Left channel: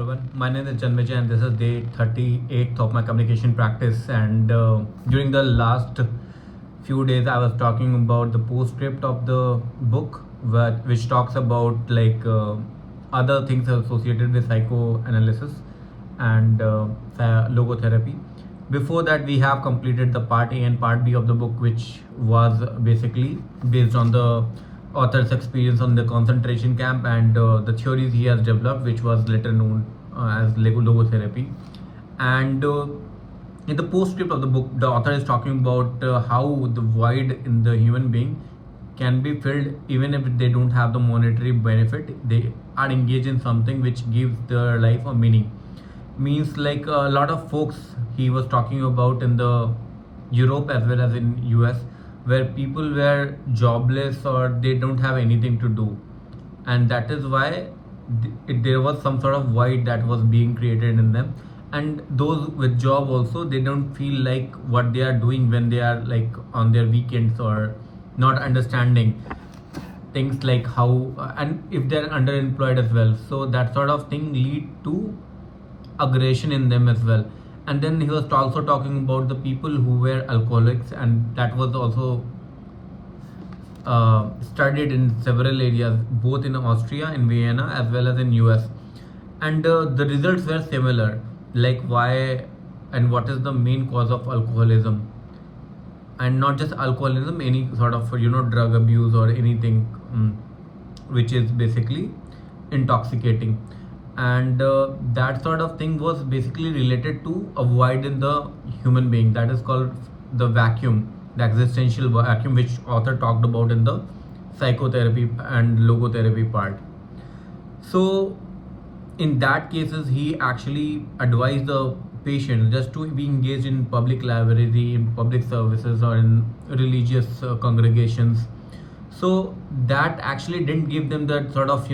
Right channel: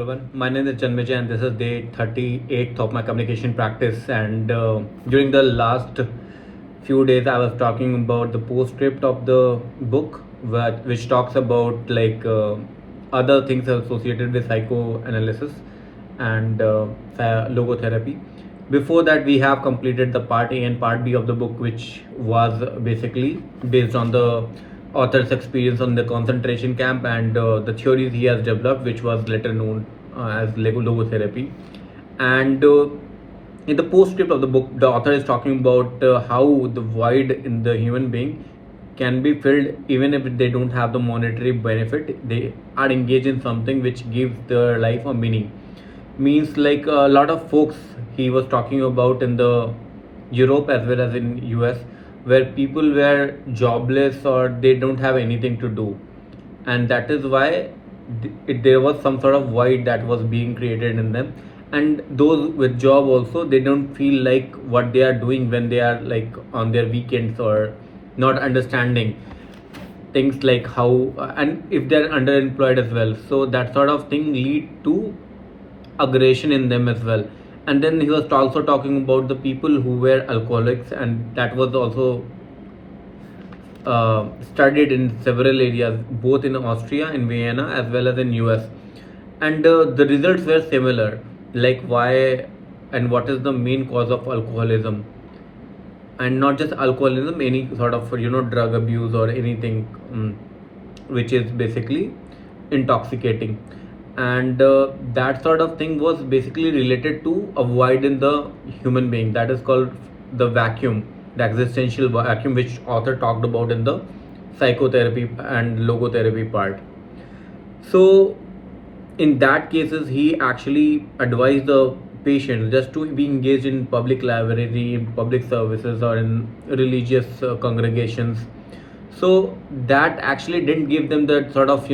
Everyone. My name is Janmijay and this is day 38th of my communication practice. And during the last few days, I was talking about the postscript of the book, which talks about other things associated with psychoanalysis and logotherapy. Before that, we have completed the part A and part B of the book, which was basically based on the author's experience on the concentration camp and the theories he has developed, which was later known as logotherapy. And in the postscript of the book, the author is talking about how the void in the human being can be filled even if they don't have the monetary benefit. They are engaged in something which gives their life a meaning. Means like a lot of folks he was talking about in the Europe as well as in US, where people were jobless or they don't have anything to do, and that is why there was some sort of void that was being created in them. And those with job also, they don't feel like what they are doing when they are like on their weekends, or not understanding things like how, and if they're underemployed as well, so that sort of thing lead to aggression in them as well. And then he was also talking about the people who were alcoholics, and that was also studied in several areas, both in Austria, in Vienna, as well as in US. And the results were similar, like why and what is the main cause of alcoholism. And not just alcoholism, any sort of drug abuse or anything which is basically intoxicating. And that sort of thing was basically related to a void in the human being, that is called the vacuum, the existential vacuum, which author talked about in the psychotherapy and logotherapy part. So in that cases, he actually advised the patient just to be engaged in public library, in public services, or in religious congregations. So that actually didn't give them that sort of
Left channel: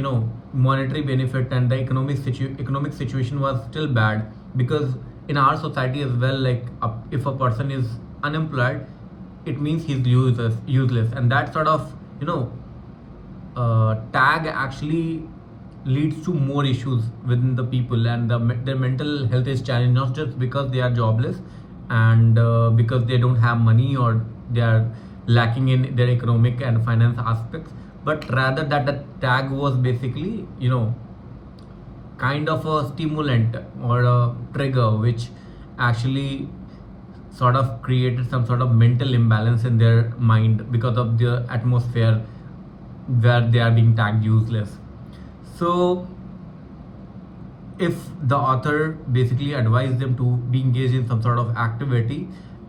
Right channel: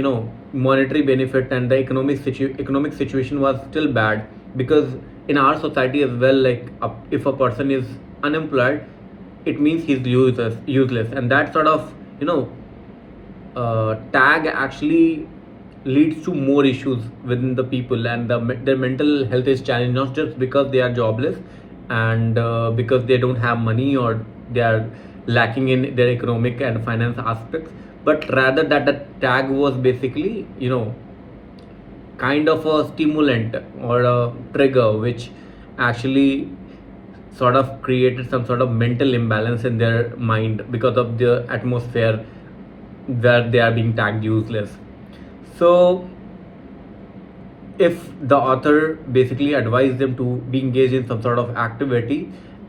monetary benefit, and the economic situation was still bad, because in our society as well, like if a person is unemployed, it means he's useless, and that sort of tag actually leads to more issues within the people, and their mental health is challenged, not just because they are jobless and because they don't have money or they are lacking in their economic and finance aspects, but rather that the tag was basically kind of a stimulant or a trigger, which actually sort of created some sort of mental imbalance in their mind because of the atmosphere where they are being tagged useless. So if the author basically advised them to be engaged in some sort of activity,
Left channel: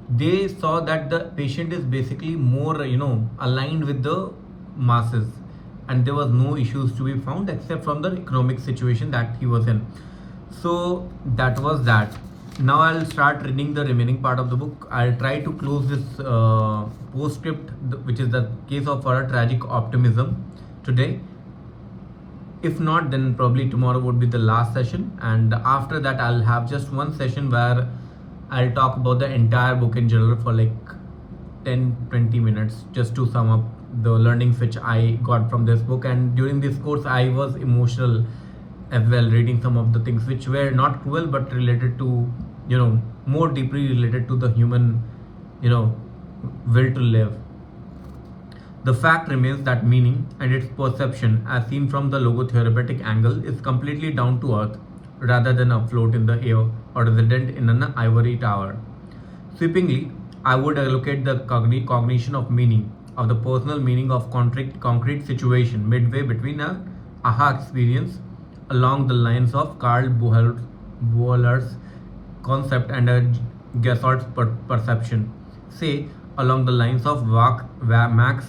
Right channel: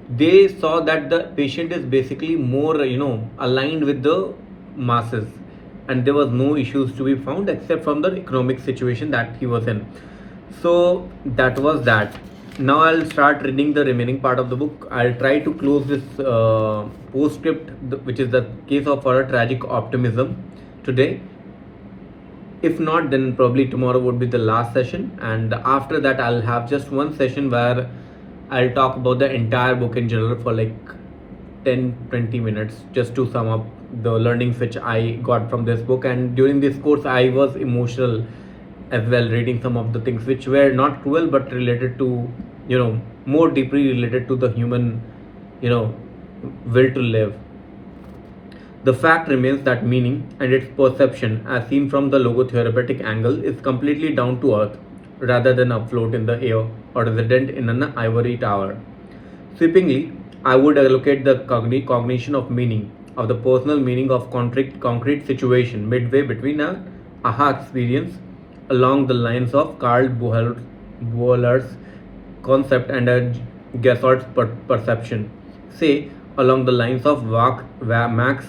they saw that the patient is basically more aligned with the masses, and there was no issues to be found except from the economic situation that he was in. So that was that. Now I'll start reading the remaining part of the book. I'll try to close this postscript, which is the case of for a tragic optimism, today. If not, then probably tomorrow would be the last session, and after that I'll have just one session where I'll talk about the entire book in general for like 10-20 minutes, just to sum up the learnings which I got from this book. And during this course I was emotional as well, reading some of the things which were not cruel but related to more deeply related to the human will to live. The fact remains that meaning and its perception, as seen from the logotherapeutic angle, is completely down to earth rather than afloat in the air or resident in an ivory tower. Sweepingly, I would allocate the cognition of meaning, of the personal meaning of concrete situation, midway between an aha experience along the lines of Karl Bohler's concept and a Gessort's perception, say along the lines of Max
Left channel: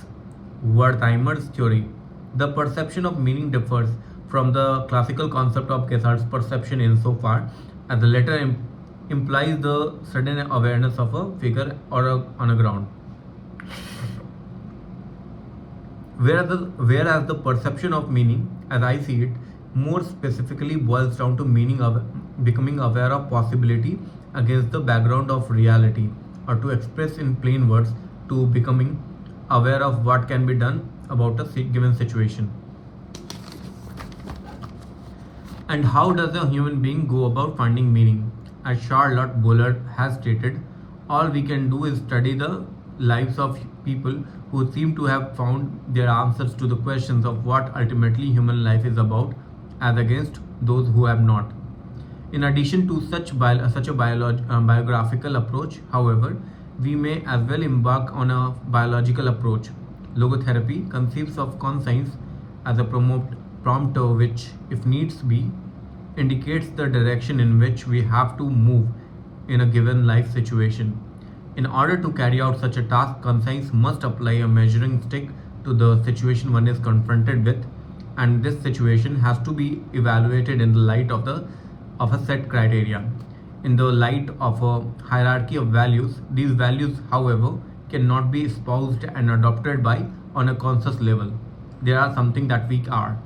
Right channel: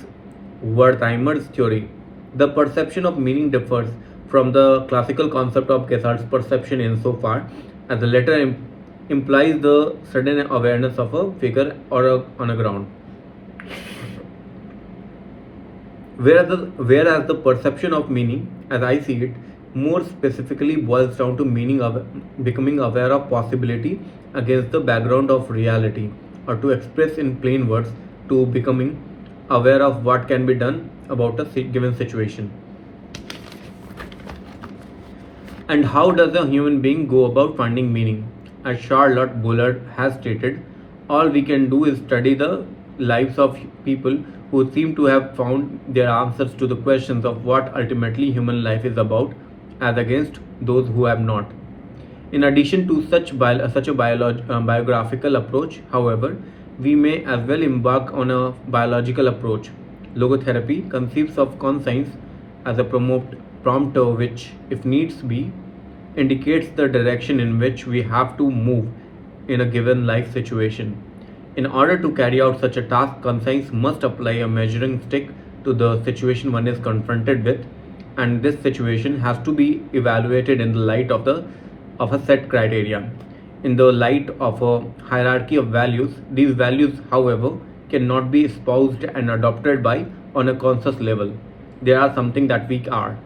Wertheimer's theory. The perception of meaning differs from the classical concept of Gessort's perception insofar as the latter implies the sudden awareness of a figure or on a ground, whereas the perception of meaning, as I see it, more specifically boils down to becoming aware of possibility against the background of reality, or to express in plain words, to becoming aware of what can be done about a given situation. And how does a human being go about finding meaning? As Charlotte Bullard has stated, all we can do is study the lives of people who seem to have found their answers to the questions of what ultimately human life is about, as against those who have not. In addition to such a biographical approach, however, we may as well embark on a biological approach. Logotherapy conceives of conscience as a prompter which, if needs be, indicates the direction in which we have to move in a given life situation. In order to carry out such a task, conscience must apply a measuring stick to the situation one is confronted with, and this situation has to be evaluated in the light of a set criteria. In the light of a hierarchy of values, these values, however, cannot be espoused and adopted by on a conscious level. They are something that we are.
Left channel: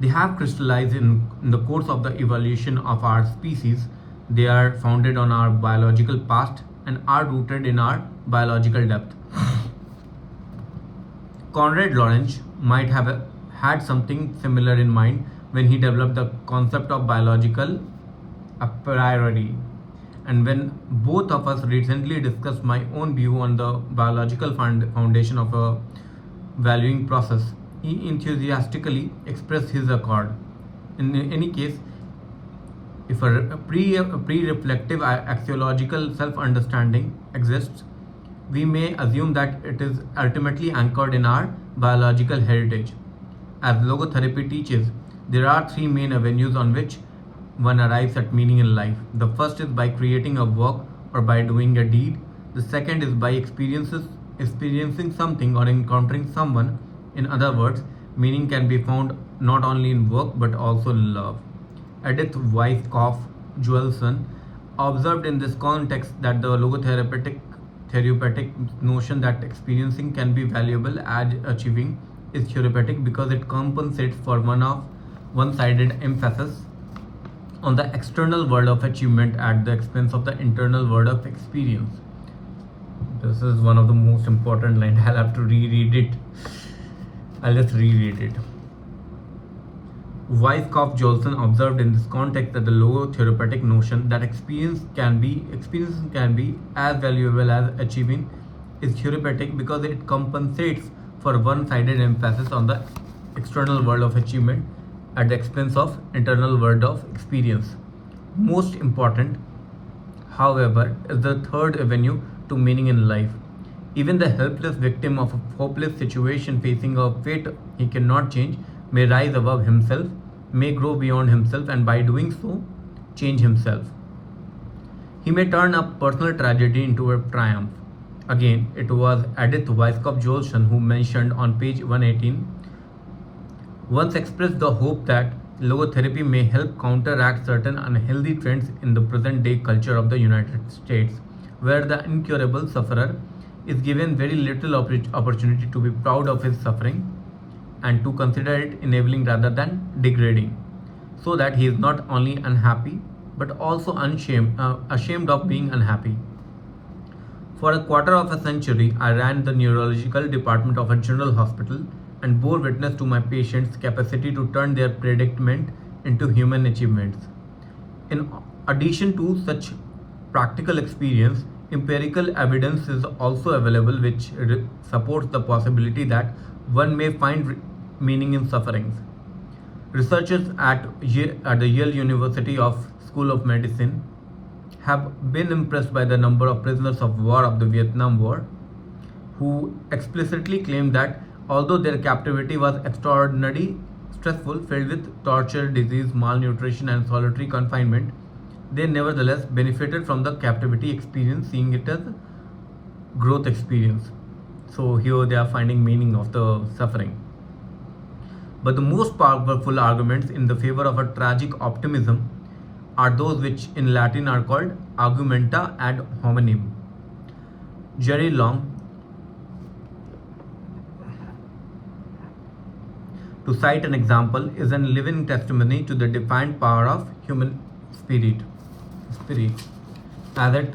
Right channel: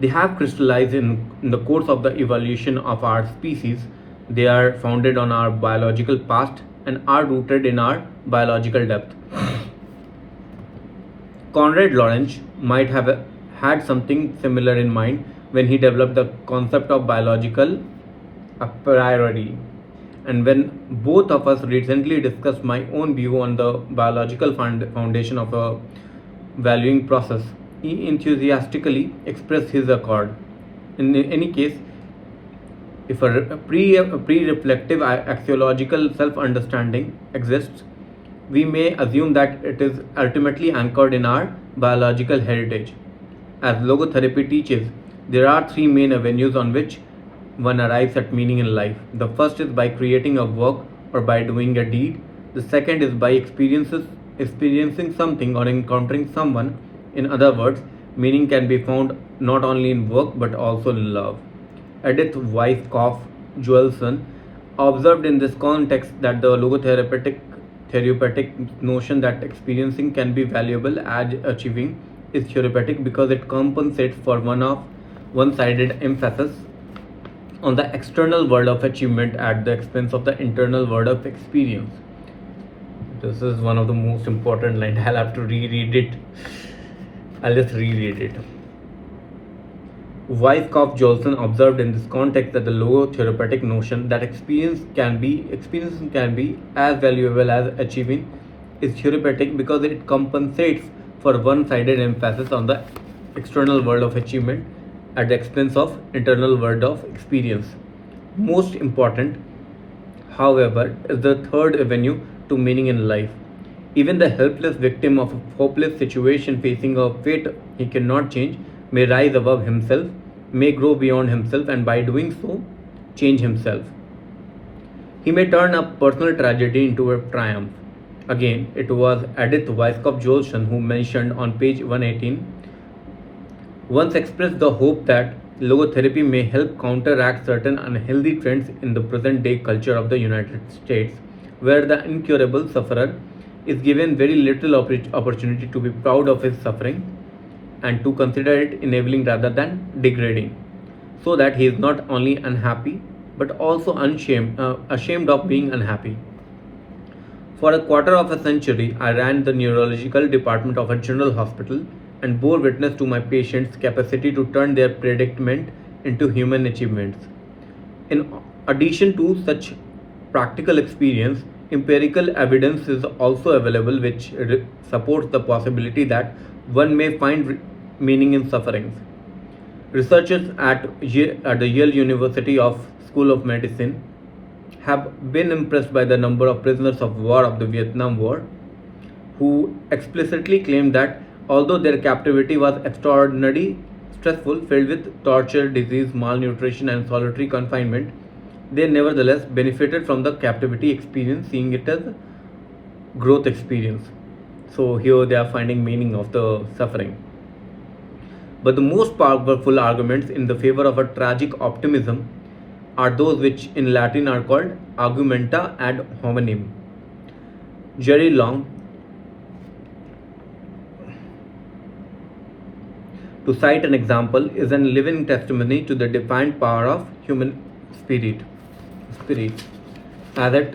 They have crystallized in the course of the evolution of our species. They are founded on our biological past and are rooted in our biological depth. Konrad Lorenz might have had something similar in mind when he developed the concept of biological a priori. And when both of us recently discussed my own view on the biological foundation of a valuing process, he enthusiastically expressed his accord. In any case, if a pre-reflective axiological self-understanding exists, we may assume that it is ultimately anchored in our biological heritage. As logotherapy teaches, there are three main avenues on which one arrives at meaning in life. The first is by creating a work or by doing a deed. The second is by experiencing something or encountering someone. In other words, meaning can be found not only in work but also in love. Edith Weisskopf Joelson observed in this context that the therapeutic notion that experiencing can be valuable as achieving is therapeutic because it compensates for one-sided emphasis on the external world of achievement at the expense of the internal world of experience. This is one of the most important lines. I'll have to reread it. I'll just reread it. Weisskopf Johnson observed in this context that the logotherapeutic notion that experiences can be as valuable as achieving is therapeutic because it compensates for one-sided emphasis on the external world of achievement at the expense of internal world of experience. Most important, however, is the third avenue to meaning in life. Even the helpless victim of a hopeless situation facing a fate he cannot change may rise above himself, may grow beyond himself, and by doing so, change himself. He may turn a personal tragedy into a triumph. Again, it was Edith Weisskopf Joelson who mentioned on page 118 once expressed the hope that logotherapy may help counteract certain unhealthy trends in the present day culture of the United States, where the incurable sufferer is given very little opportunity to be proud of his suffering and to consider it enabling rather than degrading, so that he is not only unhappy but also ashamed of being unhappy. For a quarter of a century, I ran the neurological department of a general hospital and bore witness to my patients' capacity to turn their predicament into human achievements. In addition to such practical experience, empirical evidence is also available which supports the possibility that one may find meaning in sufferings. Researchers at the Yale University School of Medicine have been impressed by the number of prisoners of war of the Vietnam War who explicitly claimed that although their captivity was extraordinarily stressful, filled with torture, disease, malnutrition, and solitary confinement, they nevertheless benefited from the captivity experience, seeing it as a growth experience. So here they are finding meaning of the suffering. But the most powerful arguments in the favor of a tragic optimism are those which in Latin are called argumenta ad hominem. Jerry Long, to cite an example, is a living testimony to the defiant power of human spirit. As it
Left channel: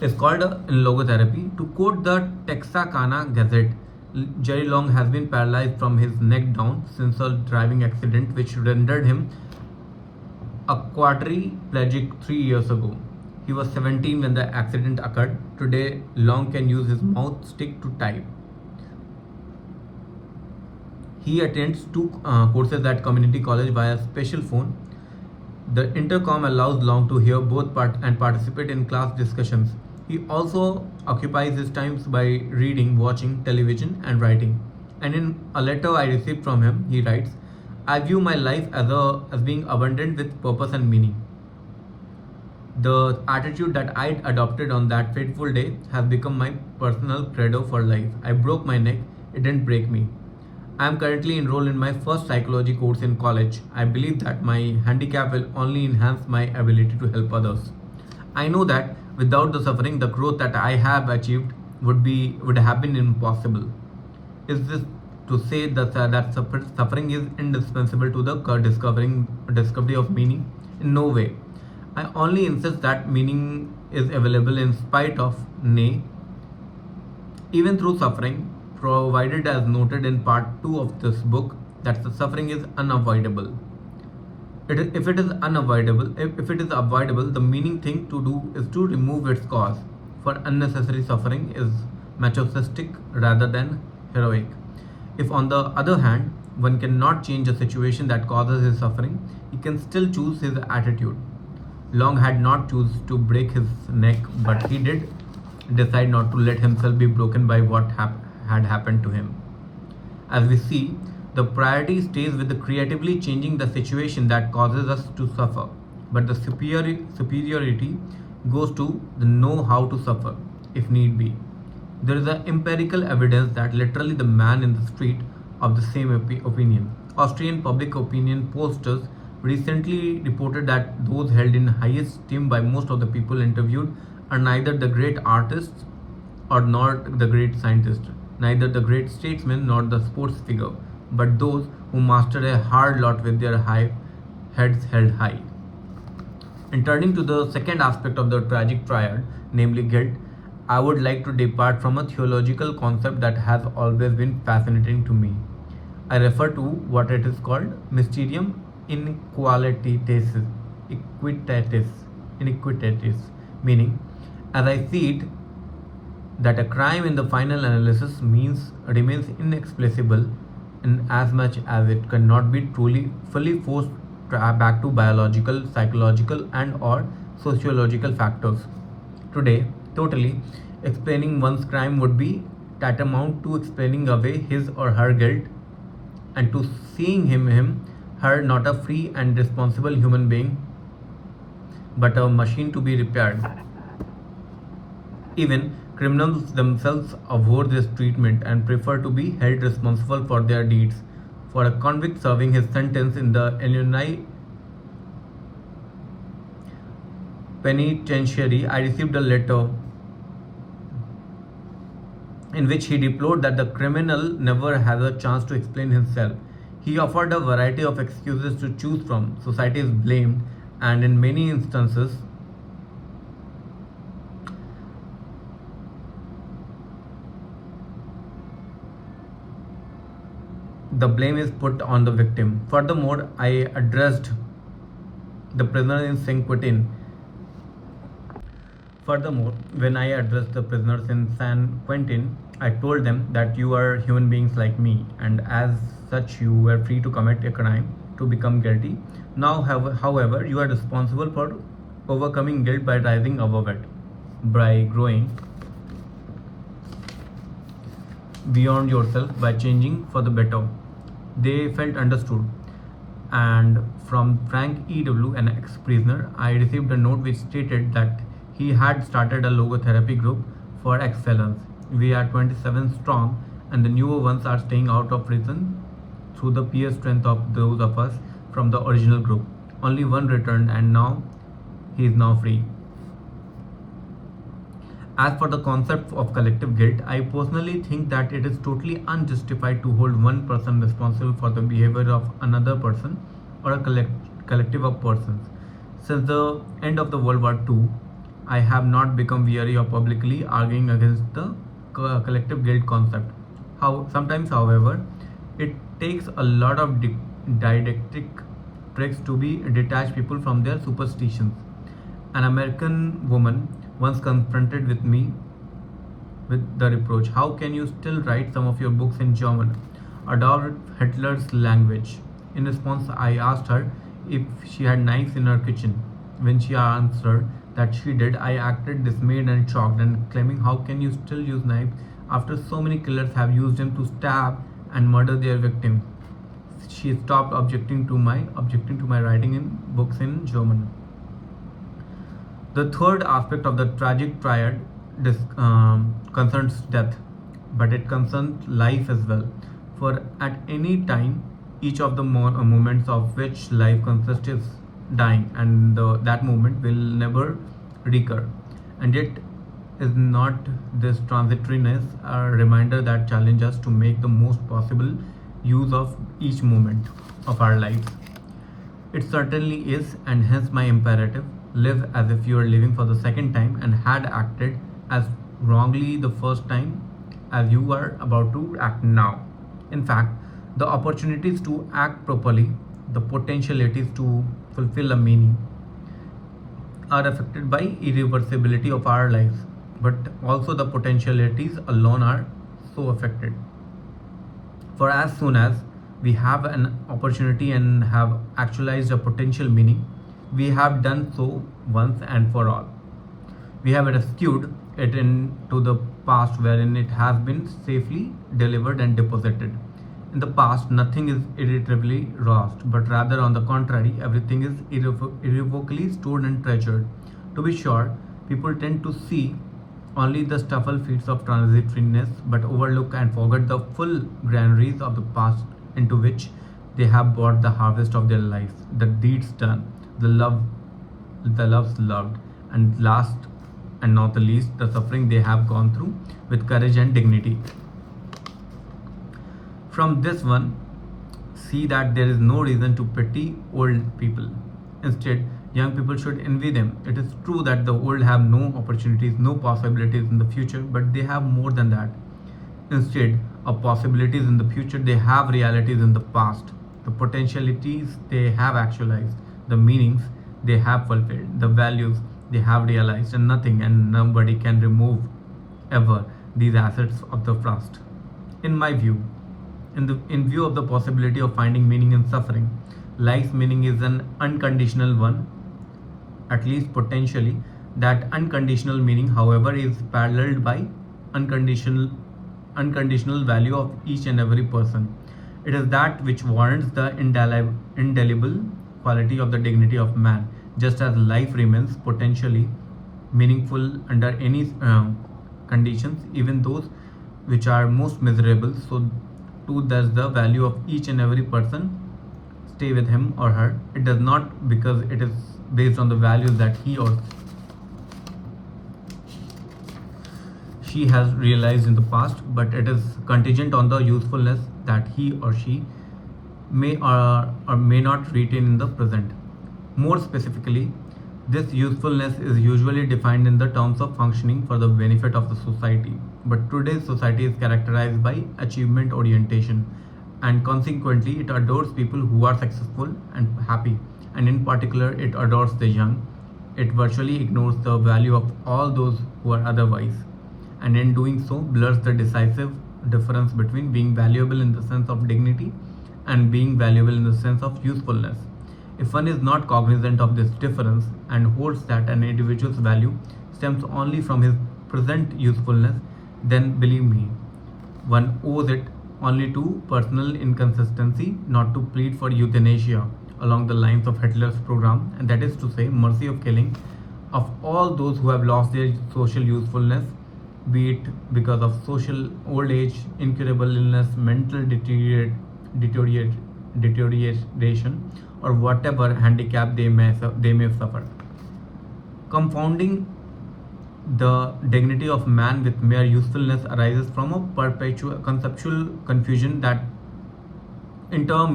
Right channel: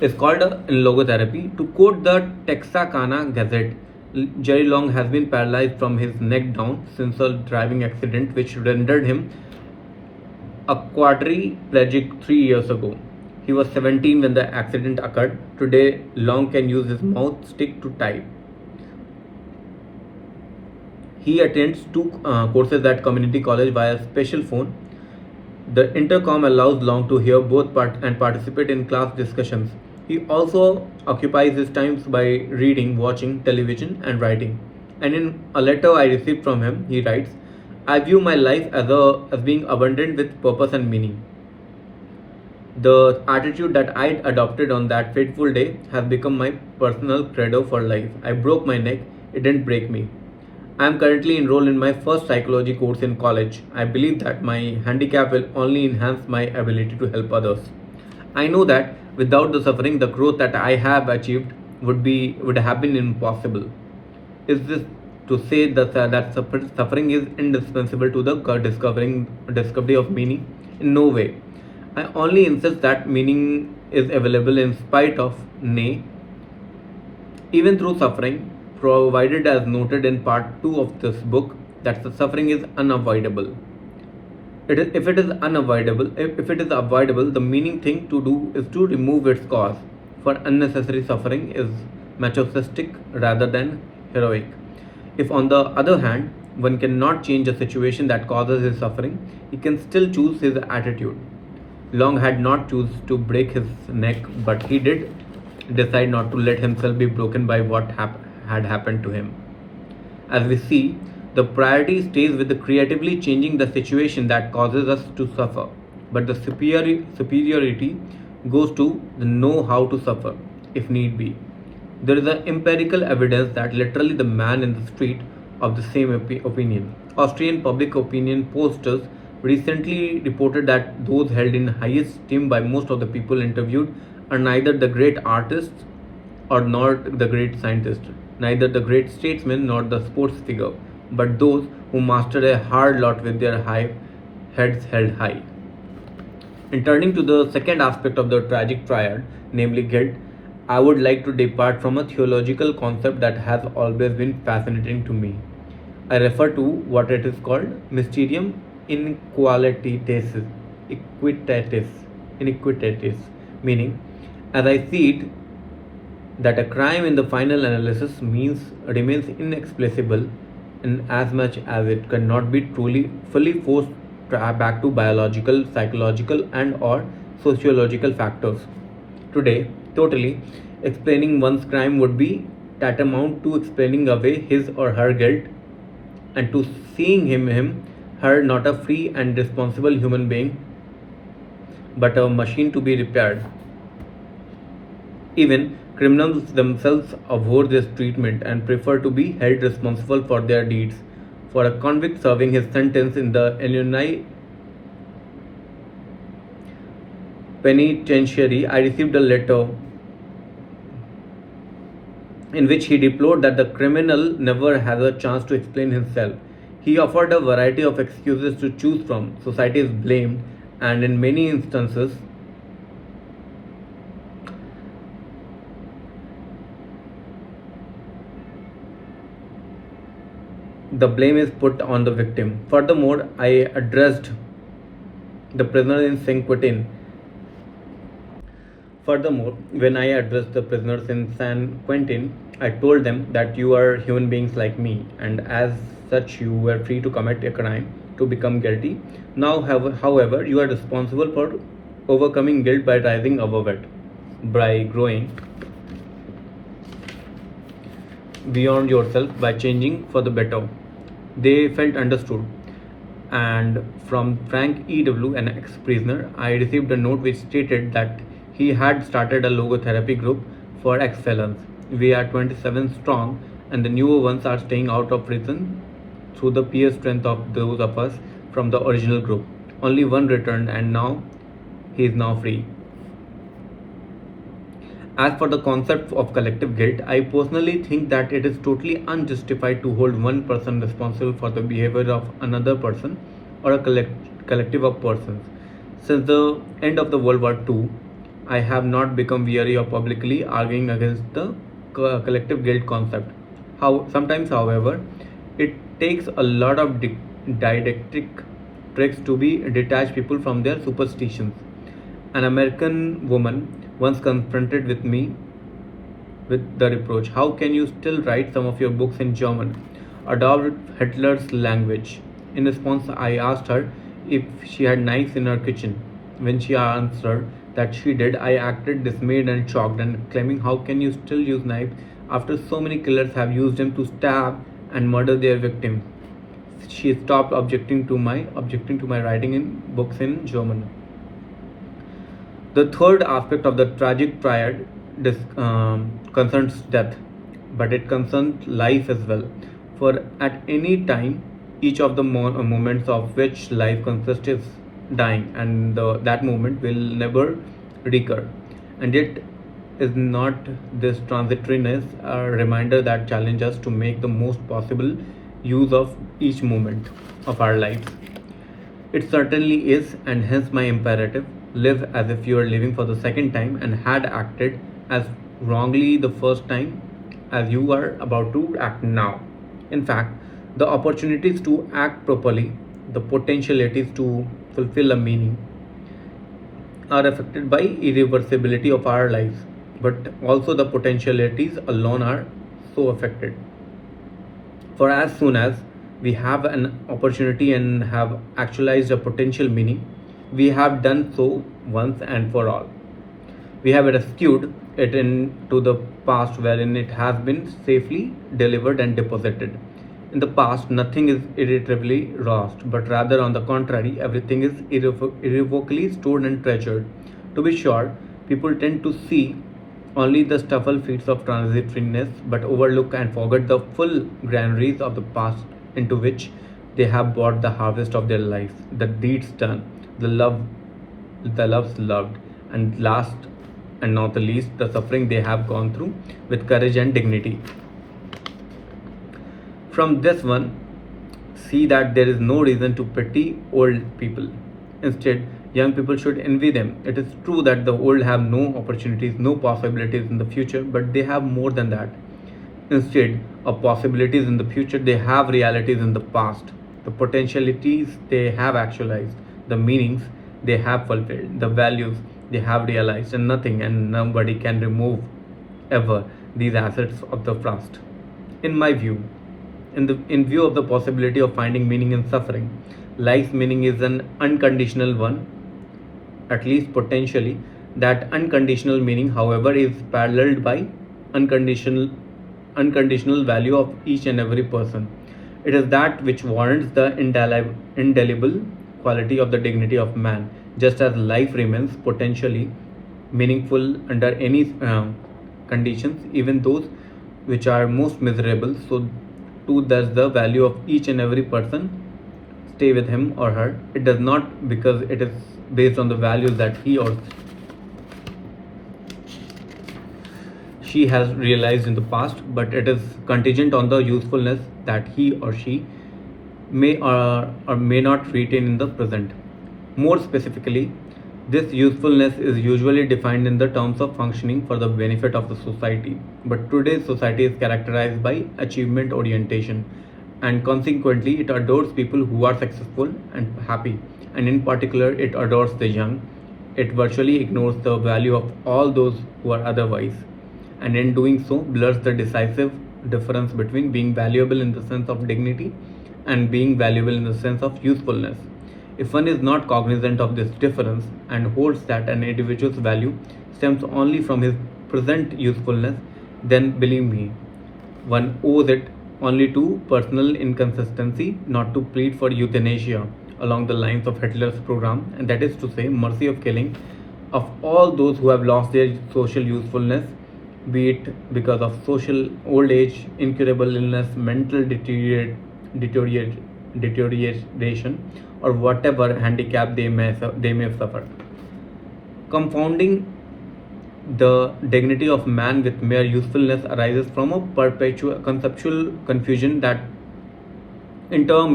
is called in logotherapy. To quote the Texarkana Gazette, Jerry Long has been paralyzed from his neck down since a driving accident which rendered him a quadriplegic 3 years ago. He was 17 when the accident occurred. Today, Long can use his mouth stick to type. He attends two courses at community college via special phone. The intercom allows Long to hear both and participate in class discussions. He also occupies his times by reading, watching television, and writing. And in a letter I received from him, he writes, "I view my life as being abundant with purpose and meaning. The attitude that I adopted on that fateful day has become my personal credo for life. I broke my neck, it didn't break me. I am currently enrolled in my first psychology course in college. I believe that my handicap will only enhance my ability to help others. I know that without the suffering, the growth that I have achieved would have been impossible." Is this to say that suffering is indispensable to the discovery of meaning? In no way. I only insist that meaning is available in spite of, nay, even through suffering, provided as noted in part 2 of this book, that the suffering is unavoidable. If it is unavoidable, if it is avoidable, the meaning thing to do is to remove its cause. For unnecessary suffering is masochistic rather than heroic. If, on the other hand, one cannot change a situation that causes his suffering, he can still choose his attitude. Long had not chosen to break his neck, but he did decide not to let himself be broken by what had happened to him. As we see, the priority stays with the creatively changing the situation that causes us to suffer, but the superiority goes to the know how to suffer, if need be. There is a empirical evidence that literally the man in the street of the same opinion. Austrian public opinion posters recently reported that those held in highest esteem by most of the people interviewed are neither the great artists or nor the great scientist, neither the great statesman nor the sports figure, but those who mastered a hard lot with their heads held high. In turning to the second aspect of the tragic triad, namely guilt, I would like to depart from a theological concept that has always been fascinating to me. I refer to what it is called mysterium equitatis, iniquitatis, meaning, as I see it, that a crime in the final analysis remains inexplicable in as much as it cannot be truly fully forced back to biological, psychological, and or sociological factors. Today, totally explaining one's crime would be tantamount to explaining away his or her guilt, and to seeing her not a free and responsible human being, but a machine to be repaired. Even criminals themselves abhor this treatment and prefer to be held responsible for their deeds. For a convict serving his sentence in the Illinois penitentiary, I received a letter in which he deplored that the criminal never has a chance to explain himself. He offered a variety of excuses to choose from. Society is blamed, and in many instances, the blame is put on the victim. Furthermore, I addressed the prisoners in San Quentin. Furthermore, when I addressed the prisoners in San Quentin, I told them that you are human beings like me, and as such, you were free to commit a crime to become guilty. Now, however, you are responsible for overcoming guilt by rising above it, by growing beyond yourself, by changing for the better. They felt understood. And from Frank E.W., an ex prisoner, I received a note which stated that he had started a logotherapy group for ex felons. We are 27 strong, and the newer ones are staying out of prison through the peer strength of those of us from the original group. Only one returned, and now he is now free. As for the concept of collective guilt, I personally think that it is totally unjustified to hold one person responsible for the behavior of another person or a collective of persons. Since the end of the World War II, I have not become weary of publicly arguing against the collective guilt concept. Sometimes, however, it takes a lot of didactic tricks to be detach people from their superstitions. An American woman once confronted with me with the reproach, "How can you still write some of your books in German? Adopt Hitler's language." In response, I asked her if she had knives in her kitchen. When she answered that she did, I acted dismayed and shocked and claiming, "How can you still use knives after so many killers have used them to stab and murder their victims?" She stopped objecting to my writing in books in German. The third aspect of the tragic triad concerns death, but it concerns life as well. For at any time, each of the moments of which life consists is dying, and that moment will never recur. And it is not this transitoriness a reminder that challenges us to make the most possible use of each moment of our lives? It certainly is, and hence my imperative: live as if you are living for the second time and had acted as wrongly the first time as you are about to act now. In fact, the opportunities to act properly, the potentialities to fulfill a meaning, are affected by irreversibility of our lives, but also the potentialities alone are so affected. For as soon as we have an opportunity and have actualized a potential meaning, we have done so once and for all. We have rescued it into the past wherein it has been safely delivered and deposited. In the past, nothing is irretrievably lost, but rather on the contrary, everything is irrevocably stored and treasured. To be sure, people tend to see only the scuffle feats of transitoriness, but overlook and forget the full granaries of the past into which they have brought the harvest of their lives, the deeds done, the loves loved, and last and not the least, the suffering they have gone through with courage and dignity. From this one, see that there is no reason to pity old people. Instead, young people should envy them. It is true that the old have no opportunities, no possibilities in the future, but they have more than that. Instead of possibilities in the future, they have realities in the past. The potentialities they have actualized, the meanings they have fulfilled, the values they have realized, and nothing and nobody can remove ever these assets of the past. In my view, in view of the possibility of finding meaning in suffering, life's meaning is an unconditional one, at least potentially. That unconditional meaning, however, is paralleled by unconditional unconditional value of each and every person. It is that which warrants the indelible quality of the dignity of man, just as life remains potentially meaningful under any conditions, even those which are most miserable. So too does the value of each and every person stay with him or her. It does not because it is based on the values that he or she has realized in the past, but it is contingent on the usefulness that he or she may or may not retain in the present. More specifically, this usefulness is usually defined in the terms of functioning for the benefit of the society. But today's society is characterized by achievement orientation, and consequently, it adores people who are successful and happy, and in particular, it adores the young. It virtually ignores the value of all those who are otherwise, and in doing so, blurs the decisive difference between being valuable in the sense of dignity and being valuable in the sense of usefulness. If one is not cognizant of this difference and holds that an individual's value stems only from his present usefulness, then believe me, one owes it only to personal inconsistency not to plead for euthanasia along the lines of Hitler's program, and that is to say, mercy of killing of all those who have lost their social usefulness, be it because of social old age, incurable illness, mental deterioration, or whatever handicap they may suffer. Confounding the dignity of man with mere usefulness arises from a perpetual conceptual confusion that in turn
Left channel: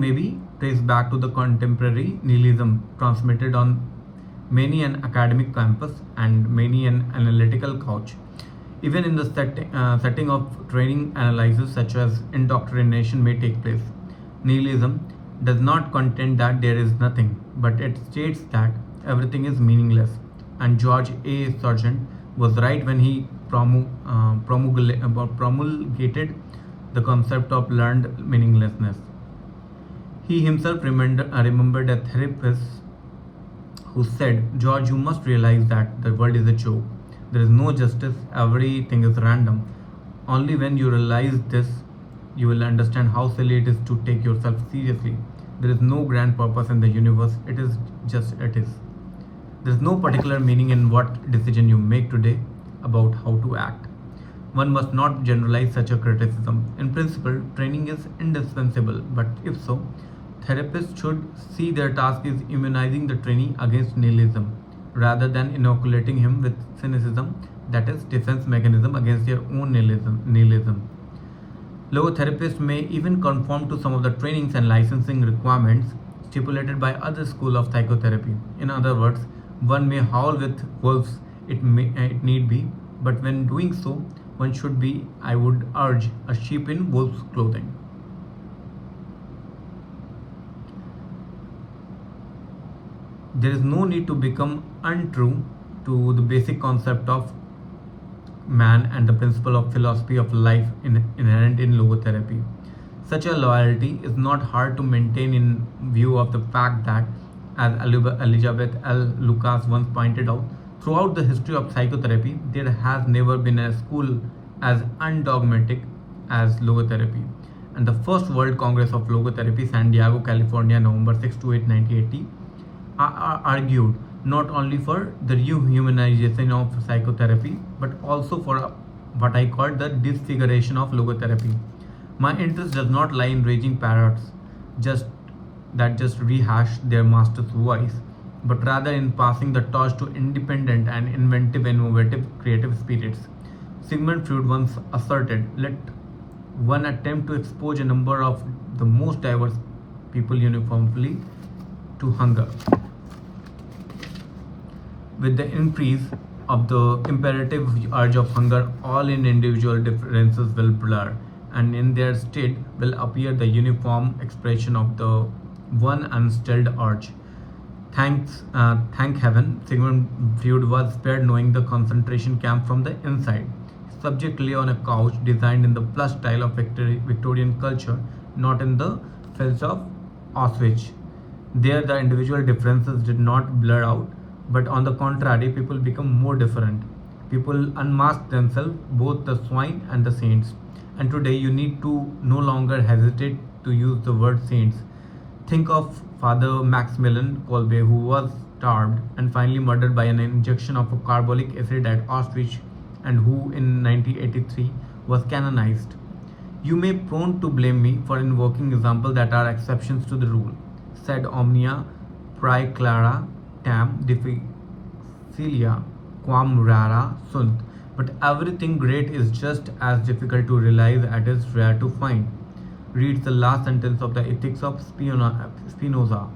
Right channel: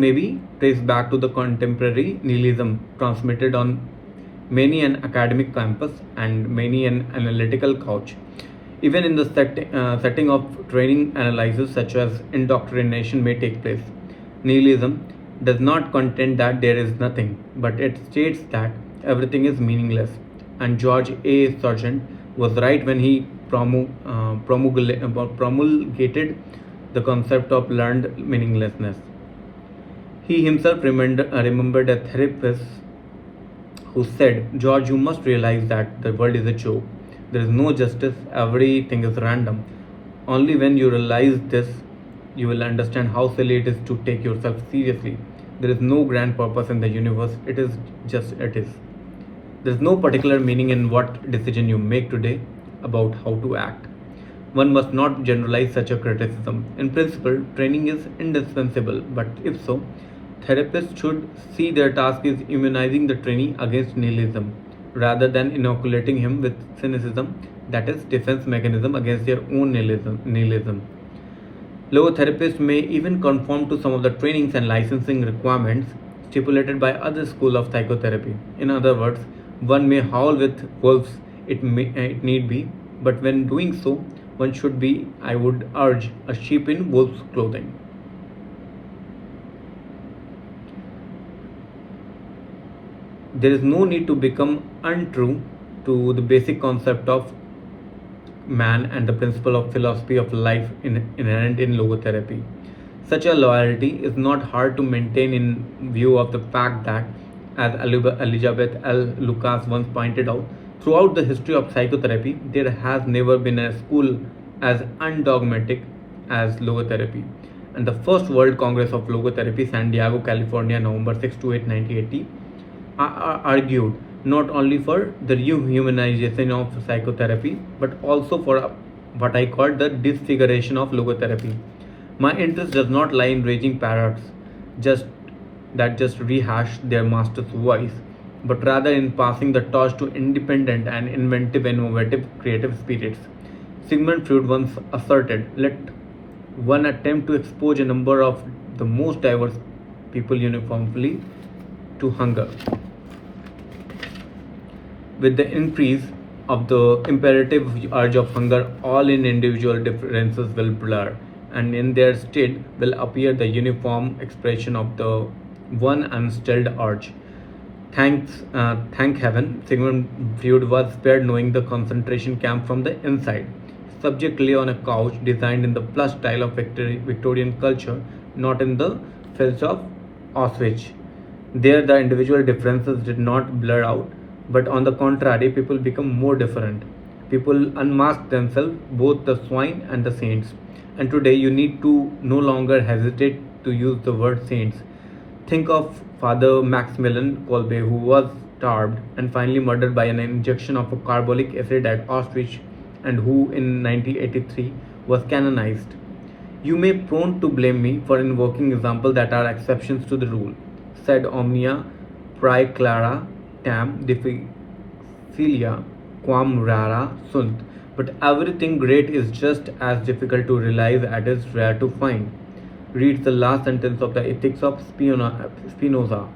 may be traced back to the contemporary nihilism transmitted on many an academic campus and many an analytical couch. Even in the setting of training analysis, such as indoctrination, may take place. Nihilism does not contend that there is nothing, but it states that everything is meaningless. And George A. Sargent was right when he promulgated the concept of learned meaninglessness. He himself remembered a therapist who said, George, you must realize that the world is a joke. There is no justice, everything is random. Only when you realize this, you will understand how silly it is to take yourself seriously. There is no grand purpose in the universe, it is just it is. There is no particular meaning in what decision you make today about how to act. One must not generalize such a criticism. In principle, training is indispensable, but if so, therapists should see their task as immunizing the trainee against nihilism rather than inoculating him with cynicism, that is, defense mechanism against their own nihilism. Logotherapists may even conform to some of the trainings and licensing requirements stipulated by other schools of psychotherapy. In other words, one may howl with wolves it need be, but when doing so, one should be, I would urge, a sheep in wolf's clothing. There is no need to become untrue to the basic concept of man and the principle of philosophy of life inherent in logotherapy. Such a loyalty is not hard to maintain in view of the fact that, as Elizabeth L. Lucas once pointed out, throughout the history of psychotherapy, there has never been a school as undogmatic as logotherapy. And the First World Congress of Logotherapy, San Diego, California, November 6 to 8, 1980, argued not only for the rehumanization of psychotherapy but also for what I call the disfiguration of logotherapy. My interest does not lie in raging parrots just rehash their master's voice, but rather in passing the torch to independent and inventive, innovative, creative spirits. Sigmund Freud once asserted, let one attempt to expose a number of the most diverse people uniformly to hunger. With the increase of the imperative urge of hunger, all in individual differences will blur, and in their stead will appear the uniform expression of the one unstilled urge. Thank heaven, Sigmund Freud was spared knowing the concentration camp from the inside. His subject lay on a couch designed in the plush style of Victorian culture, not in the filth of Auschwitz. There, the individual differences did not blur out, but on the contrary, people become more different. People unmask themselves, both the swine and the saints. And today, you need to no longer hesitate to use the word saints. Think of Father Maximilian Kolbe, who was starved and finally murdered by an injection of a carbolic acid at Auschwitz, and who in 1983 was canonized. You may prone to blame me for invoking examples that are exceptions to the rule. Said omnia praeclara tam difficilia quam rara sunt. But everything great is just as difficult to realize as it is rare to find. Reads the last sentence of the Ethics of Spinoza.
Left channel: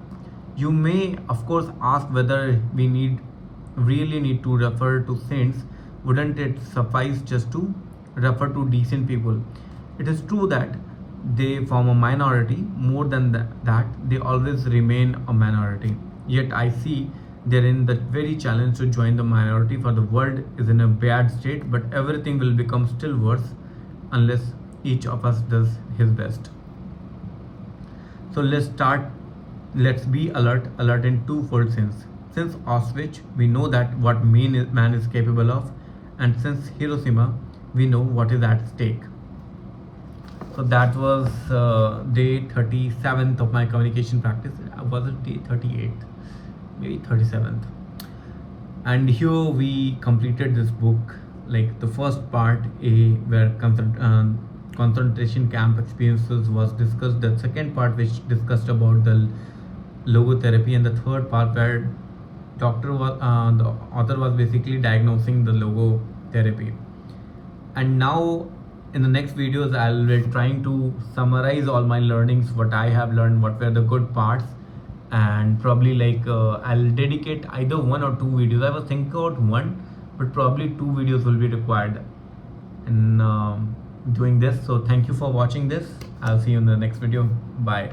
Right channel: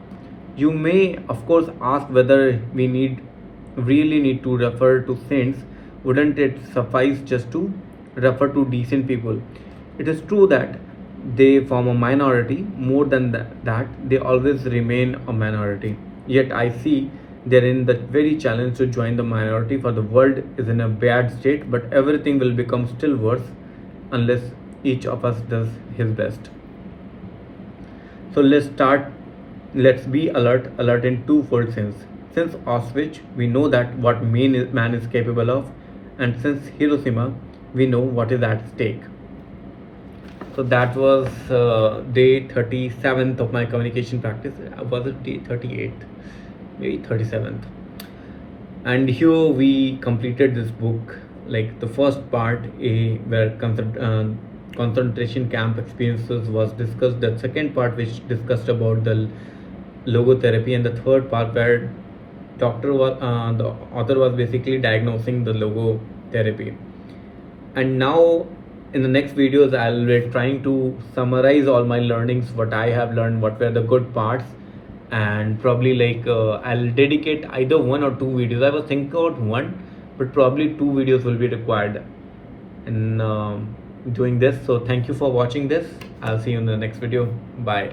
You may, of course, ask whether we really need to refer to saints. Wouldn't it suffice just to refer to decent people? It is true that they form a minority. More than that, they always remain a minority. Yet I see therein the very challenge to join the minority, for the world is in a bad state, but everything will become still worse unless each of us does his best. So let's be alert in twofold sense. Since Auschwitz, we know that what man is capable of, and since Hiroshima, we know what is at stake. So that was day 37th of my communication practice. Was it day 38th? Maybe 37th. And here we completed this book, like the first part A, where concentration camp experiences was discussed, the second part which discussed about the logotherapy, and the third part where the author was basically diagnosing the logotherapy. And now in the next videos I'll be trying to summarize all my learnings, what I have learned, what were the good parts, and probably I'll dedicate either one or two videos. I was thinking about one, but probably two videos will be required. in doing this. So thank you for watching this. I'll see you in the next video. Bye.